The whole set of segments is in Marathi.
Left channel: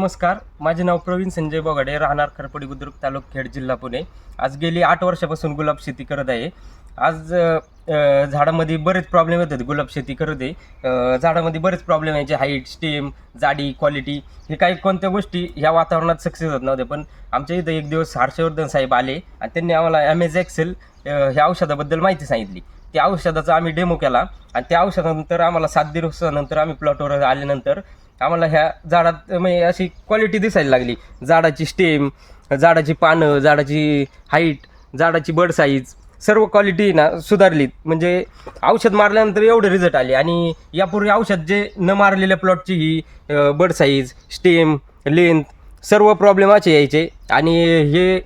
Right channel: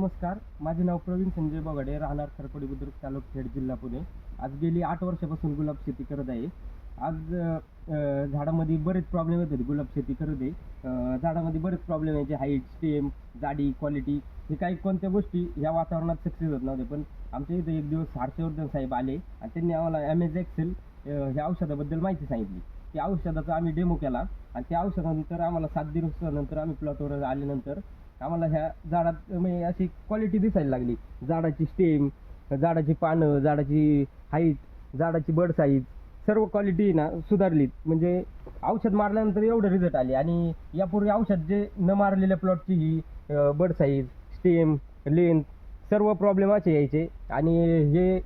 नमस्कार माझे नाव प्रवीण संजय बोगाडे राहणार खरपडी बुद्रुक तालुक खेड जिल्हा पुणे. आज गेली आठ वर्षापासून गुलाब शेती करत आहे. आज झाडामध्ये बरेच प्रॉब्लेम येतात गुलाब शेती करत आहे. झाडामध्ये बरेच प्रॉब्लेम यायचे हाईट स्टेम जाडी क्वालिटी हे काही कोणत्या गोष्टी ह्या वातावरणात सक्सेस होत नव्हत्या. पण आमच्या इथं एक दिवस हर्षवर्धन साहेब आले आणि त्यांनी आम्हाला ॲमेझ एक्सेल ह्या औषधाबद्दल माहिती सांगितली. त्या औषधाचा आम्ही डेमो केला आणि त्या औषधानंतर आम्हाला सात दिवसानंतर आम्ही प्लॉटवर आल्यानंतर आम्हाला ह्या झाडात म्हणजे अशी क्वालिटी दिसायला लागली. झाडाची स्टेम झाडाची पानं झाडाची हाईट झाडाची बड साईज सर्व क्वालिटी ना सुधारलीत. म्हणजे औषध मारल्यानंतर एवढे रिझल्ट आले. आणि यापूर्वी औषध जे न मारलेल्या प्लॉटची ही बड साईज स्टेम लेंथ सर्व प्रॉब्लेम असे यायचे. आणि हे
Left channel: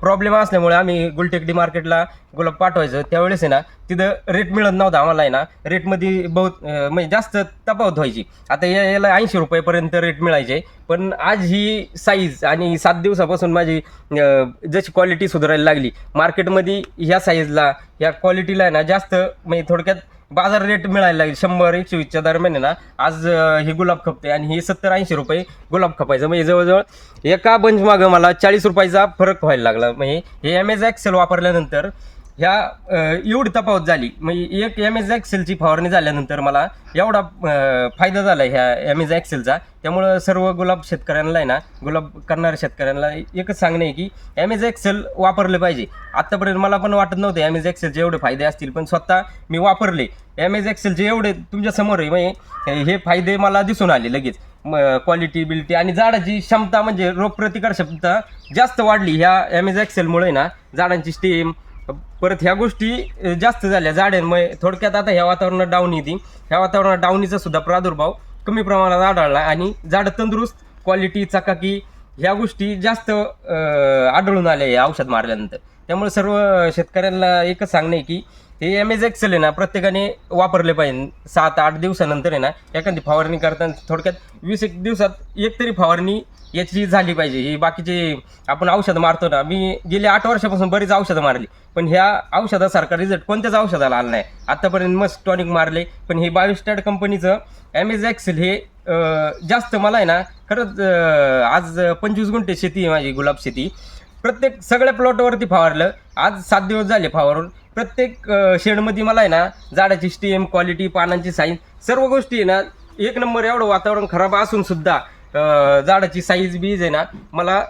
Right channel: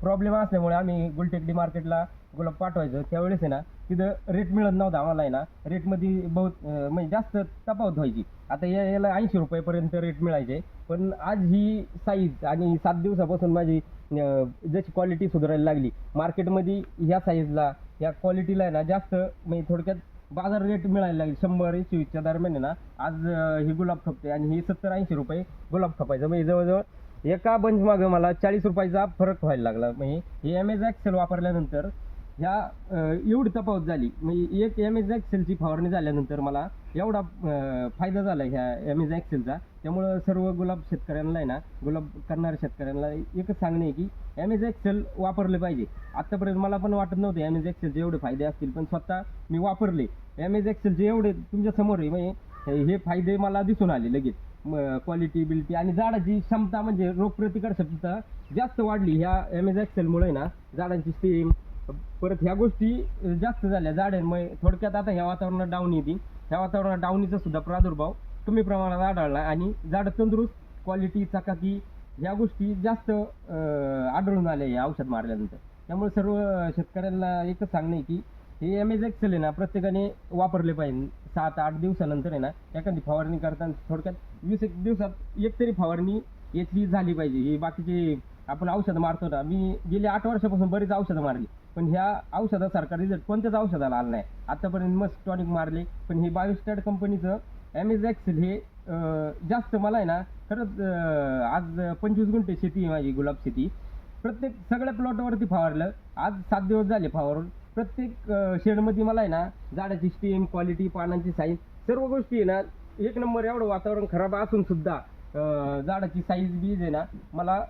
प्रॉब्लेम असल्यामुळे आम्ही गुलटेकडी मार्केटला गुलाब पाठवायचं. त्यावेळेस आहे ना तिथं रेट मिळत नव्हता आम्हाला आहे ना रेटमध्ये बहुत अं, म्हणजे जास्त तफावत व्हायची. आता या याला ऐंशी रुपयेपर्यंत रेट मिळायचे. पण आज ही साईज आणि सात दिवसापासून माझी अं, जशी क्वालिटी सुधारायला लागली मार्केटमध्ये ह्या साईजला ह्या क्वालिटीला आहे ना जास्त म्हणजे थोडक्यात बाजार रेट मिळायला लागेल. शंभर एकशे वीसच्या दरम्यान आहे ना आज अं, हे गुलाब खपते आणि हे सत्तर ऐंशी रुपये गुलाब खपायचं. म्हणजे जवळजवळ एका बंच मागं मला चाळीस रुपयाचा फरक व्हायला लागला. म्हणजे हे एम एज एक्सेल वापरल्यानंतर ह्या एवढी तफावत झाली. म्हणजे एक एम एस एक्सेलची फवारणी झाल्यानंतर मला एवढा फायदा झाला ह्या एम एस एक्सेलचा त्यामुळं सर्व गुलाब शेतकऱ्यांना आहे ना गुलाब करणाऱ्या शेतकऱ्यांना एकच सांगणं आहे की एम एस एक्सेल वापरले पाहिजे. आत्तापर्यंत मला पण वाटत नव्हतं एम एस एक्सेलचे एवढे फायदे असतील पण स्वतः मी वापरले. एम एस एक्सेलचे एवढे तुमच्यासमोर आहे म्हणजे हे फायदे मला दिसून आले लगेच. क्वालिटी बिलिटी आणि झाडाची क्षमता म्हणजे रोगप्रतिकार क्षमता जास्त वाढली ह्या एम एस एक्सेलमुळे ना झाडांची स्टेम परत ह्या गोष्टी जास्त झाल्या झाडांमुळे. थोडक्यात आता ह्या वातावरणात डावणी ती ह्या वातावरणात डावणीचा सुद्धा प्रादुर्भाव कमी प्रमाणात आढळला आणि झाडं तंदुरुस्त क्वालिटी चकाकी ह्या गोष्टी जास्त आढळून आल्या या औषध मारल्यानंतर. त्यामुळे सर्व शेतकऱ्यांना एकच सांगणे की हे एम एज एक्सेल आहे ना प्रत्येकाने वापरले पाहिजे. सात आठ दिवसानंतर आहे ना एखादी फवारणी करताना थोडक्यात वीस एक दिवसात एक तरी फवारणी याची झाली पाहिजे. ही बाकीचे आपण औषधं मारतो ना मी गेल्या आठ वर्षापासून बरीच औषधं मारली. पण ह्या औषधासारखा रिझल्ट कोणत्याच औषधाला आला नाही. आतापर्यंत मस्त टॉनिक मारले पण हे बायोस्टॅड कंपनीचं एमेज एक्सेल हे जास्त मला आहे ना खरंच आज पंचवीस गुंठे शेती आहे माझी गुलाब शेती. प्रत्येक सगळ्या प्लॉटवरती फवारलं. आज सात दिवस झाले फवारून. प्रत्येक शेडमध्ये मला आहे ना झाडाची स्टीम क्वालिटी पानांची साईज सर्व गोष्टी आहे ना एक नंबर एवढं वातावरण खराब असून सुद्धा झाडाची साईज बीज आहे ना मला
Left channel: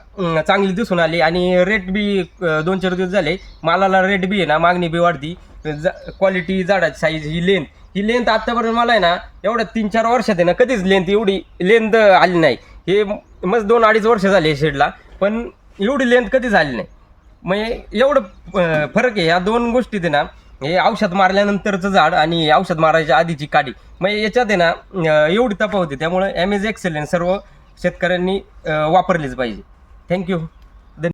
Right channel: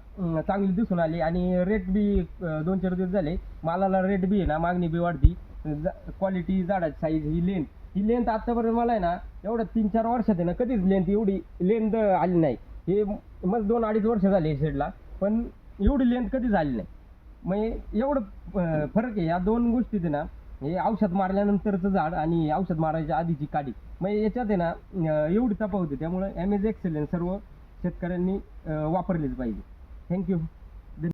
चांगली दिसून आली. आणि रेट बी दोन चार दिवस झाले मालाला रेट बी आहे ना मागणी बी वाढती जा क्वालिटी झाडाची साईज ही लेंथ ही लेंथ आत्तापर्यंत मला आहे ना एवढ्या तीन चार वर्षात आहे ना कधीच लेंथ एवढी लेंथ आली नाही. हे मस्त दोन अडीच वर्ष झाले शेडला. पण एवढी लेंथ कधी झाली नाही. म्हणजे एवढं अं, फरक आहे. या दोन गोष्टीत आहे ना हे औषध मारल्यानंतरचं झाड आणि औषध मारायच्या आधीची काडी. म्हणजे याच्यात आहे ना अं, एवढी तफावत होती त्यामुळे ॲमेज एक्सेलेंट सर्व शेतकऱ्यांनी अं, वापरलीच पाहिजे. थँक्यू